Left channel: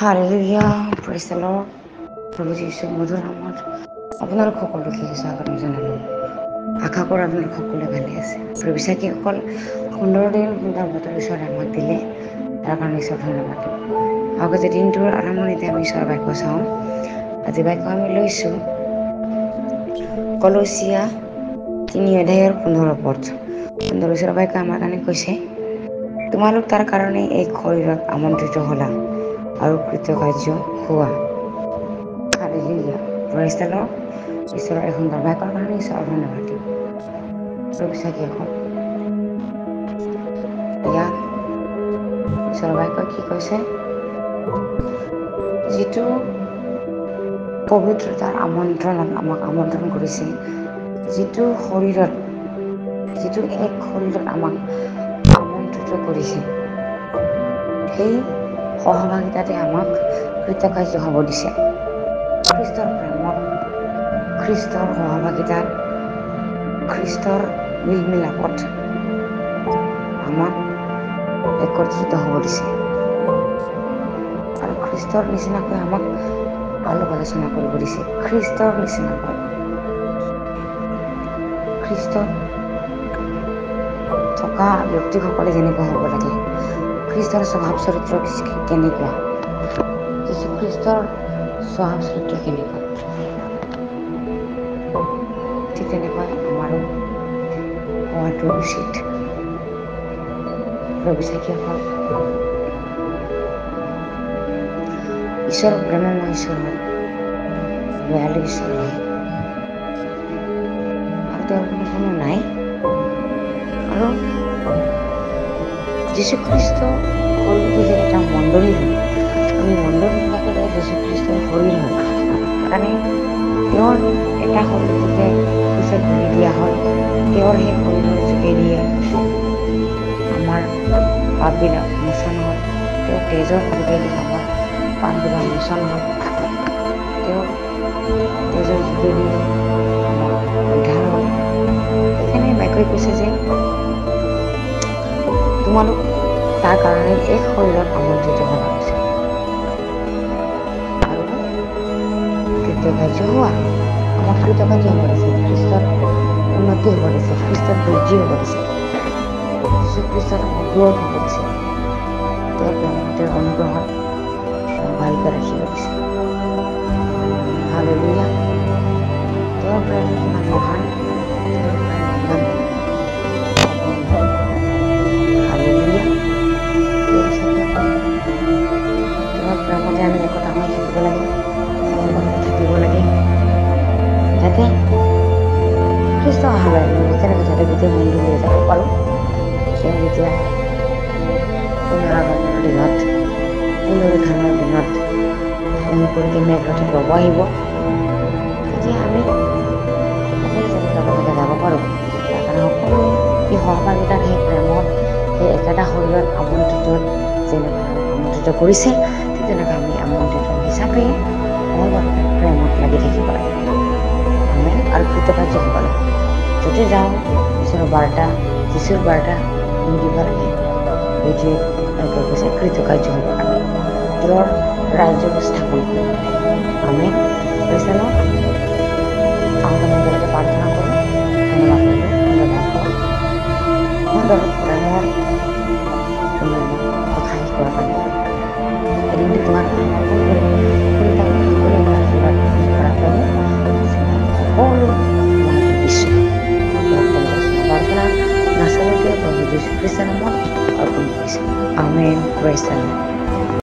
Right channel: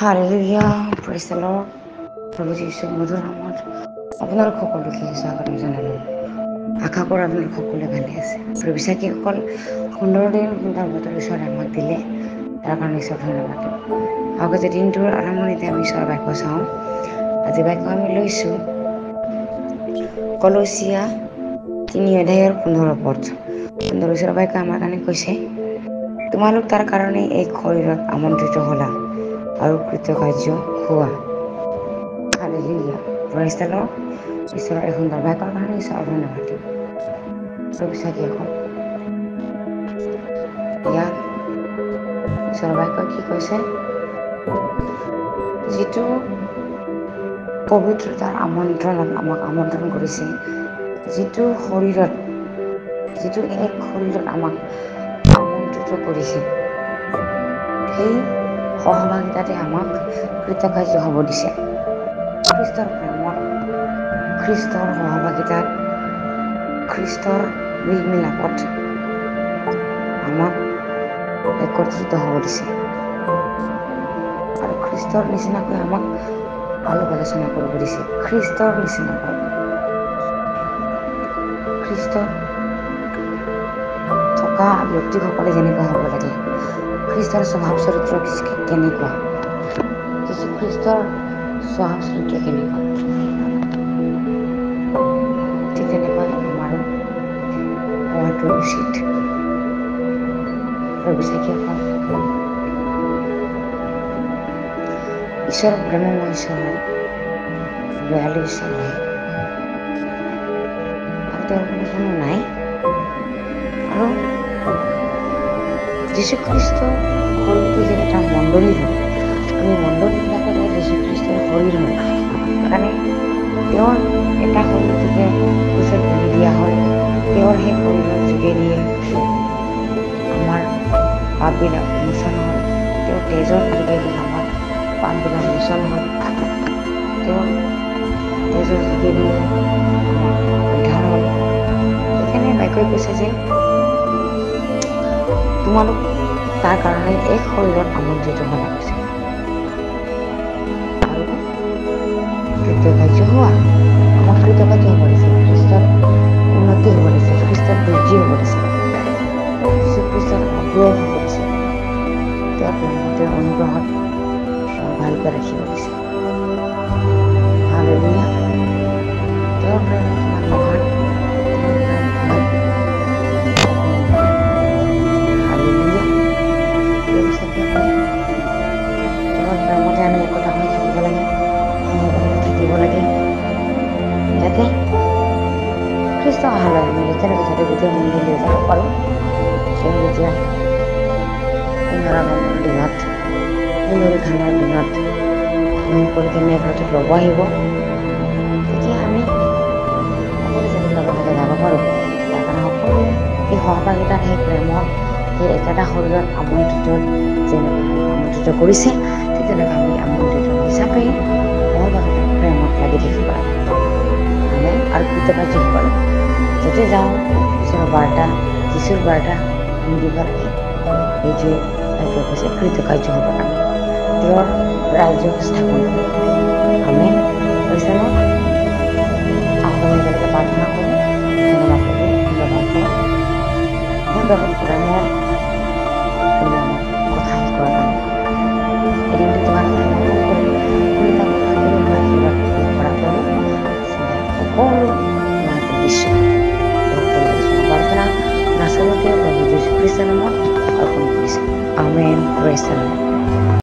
Hallelujah, praise the lord. প্ৰভু যীশুৰ মধুৰ নামত আপোনালোক সকলোকে স্বাগতম জনালোঁ। আশা কৰোঁ আপোনালোক সকলোৱে ভালে আছে। প্ৰিয় বিশ্বাসীসকল, সুন্দৰ দিন সুন্দৰ বতৰ ঈশ্বৰে আমাক দিলে, তাৰ কাৰণে ঈশ্বৰ ধন্যবাদ। আগতে দিনটোৰ আৰম্ভণিতে আমি ঈশ্বৰৰ বাক্য চাওঁ। আজি বাক্য আমি লৈছোঁ কলচীয়া 3:15 সুন্দৰ ঈশ্বৰৰ বাক্য আমাৰ কাৰণে কৈছে, তোমালোক তাৰ কাৰণে এক শৰীৰত আমন্ত্ৰিত হ'লা আৰু কৃতকাৰ্য হোৱা। Hallelujah, praise the lord. ঈশ্বৰৰ এই সুন্দৰ বাক্যৰ কাৰণে ঈশ্বৰৰ ধন্যবাদ দিওঁ। প্ৰিয় বিশ্বাসীসকল, ইয়াত ঈশ্বৰৰ বাক্য কি কৈছে, যিটো পবিত্ৰতাৰ আমন্ত্ৰণত আমাক আমন্ত্ৰণ কৰিছে, যিটো এক শৰীৰত আমাক আমন্ত্ৰিত কৰিছে, সেই সহভাগিতাতে আমাক কৃতকাৰ্য হ'ব দিছে। খ্ৰীষ্টৰ প্ৰেমত, খ্ৰীষ্টৰ সহভাগিতাত, খ্ৰীষ্টৰ মিলমিলাপত আমাক একত্ৰিত হ'ব দিছে আৰু খ্ৰীষ্টৰ নিচিনাকৈ আমাক আলাপ আলোচনা কৰিব দিছে। খ্ৰীষ্টৰ নিচিনাকৈ, খ্ৰীষ্টত থকা ব্যক্তিসকলে যেনেকুৱা হ'ব লাগে, খ্ৰীষ্টৰ স্বভাৱ চৰিত্ৰ কেনেকুৱা, খ্ৰীষ্টৰ স্বভাৱ চৰিত্ৰ কেনেকুৱা, ঠিক তেনেকৈ আমাৰো হোৱাটো উচিত। প্ৰিয় বিশ্বাসীসকল, ঈশ্বৰ প্ৰেমময় ঈশ্বৰ হয়, দয়ালু ঈশ্বৰ হয় আৰু তেওঁৰ কোনো নাই। আৰু যীশুখ্ৰীষ্ট শৰীৰটো যে এটা মণ্ডলী হয়, আমি মণ্ডলীবিলাকেৰে যীশুখ্ৰীষ্টৰ শৰীৰ হয়। সেইকাৰণে তেওঁৰ এটা শৰীৰটোকে পিছত বলি দিয়া হয়। তেওঁৰ সেই শৰীৰৰ যোগেদিয়ে আমাৰ পাপবিলাক মোচন হ'ল, তেওঁৰ তেজৰ যোগেদি আমাৰ পাপবিলাক মোচন হ'ল, তেওঁৰ তেজৰ যোগেদি আমাৰ উদ্ধাৰ হ'ল। সেইকাৰণে বাক্যই কৈছে যে তোমালোক তাৰ কাৰণে এক শৰীৰত আমন্ত্ৰিত হ'লা হৈছে আৰু কৃতকাৰ্য হোৱা। আমাক কৃতকাৰ্য হ'ব দিছে, খ্ৰীষ্টত উন্নতি হ'ব দিছে, খ্ৰীষ্টত বৃদ্ধি হ'ব দিছে, যীশুখ্ৰীষ্টত আমাক গ্ৰ'থ হ'ব দিছে, তেওঁৰ প্ৰেমত, তেওঁৰ অনুগ্ৰহত আমাক ভালকৈ ৰাখিব দিছে। হালেলুয়া, তেওঁৰ প্ৰেম কিমান মহান, তেওঁৰ প্ৰেম কিমান অপূৰ্ণ। হালেলুয়া, প্ৰিয় বিশ্বাসীসকল, তেওঁৰ প্ৰেমতে আমি একতা হৈ থাকিব লাগে, সহভাগিতা থাকিব লাগে, যাতে খ্ৰীষ্ট অহালৈ আমি যেতিয়ালৈকে যাতে গোটেই মণ্ডলীয়ে যাব পাৰোঁ। তেওঁ যেতিয়া পুনৰাগমনৰ দিনত, পুনৰুত্থানৰ দিনত মুকলিকৈ মেঘৰথত ল'ব আহিব, তেতিয়া আমি সকলোৱে যাতে লগে লগে যাব পাৰোঁ। তাৰ কাৰণে সকলোৱে সেই সহভাগিতাত, সেই প্ৰেমত, সেই একেটা শৰীৰত যেনেকৈ আমন্ত্ৰিত কৰিছে, ঠিক তেনেকৈ আমি আমন্ত্ৰিত হিচাপে সহভাগিতাত প্ৰেমত লাগি থাকিব লাগে। আমেন। আৰু কৃতকাৰ্য হ'ব লাগে। য'তে যাওঁ ঈশ্বৰৰ বাৰ্তা, যীশুৰ বাৰ্তা দিব লাগে। সেইটোৱে বাক্যই কৈছে, কৃতকাৰ্য হ'ব লাগে, তেওঁৰ ৰাজ্য স্থাপন কৰিব লাগে। আমেন। Praise the lord. আহক আমি একেলগে প্ৰাৰ্থনা কৰোঁ। ধন্যবাদ কৰোঁ সুন্দৰ বাক্য, সুন্দৰ প্ৰেমৰ সুন্দৰ কথা শিকোৱাৰ কাৰণে। এদিনটো তোমালোকে সমৰ্পণ কৰি তাক সকলো আশীৰ্বাদ কৰা প্ৰভু সকলো তোমালোকে দিছোঁ। সকলো প্ৰাৰ্থনা নাচলতে প্ৰভু যীশু খ্ৰীষ্টৰ নামত অৰ্পণ কৰিছোঁ। আমেন। Praise the lord.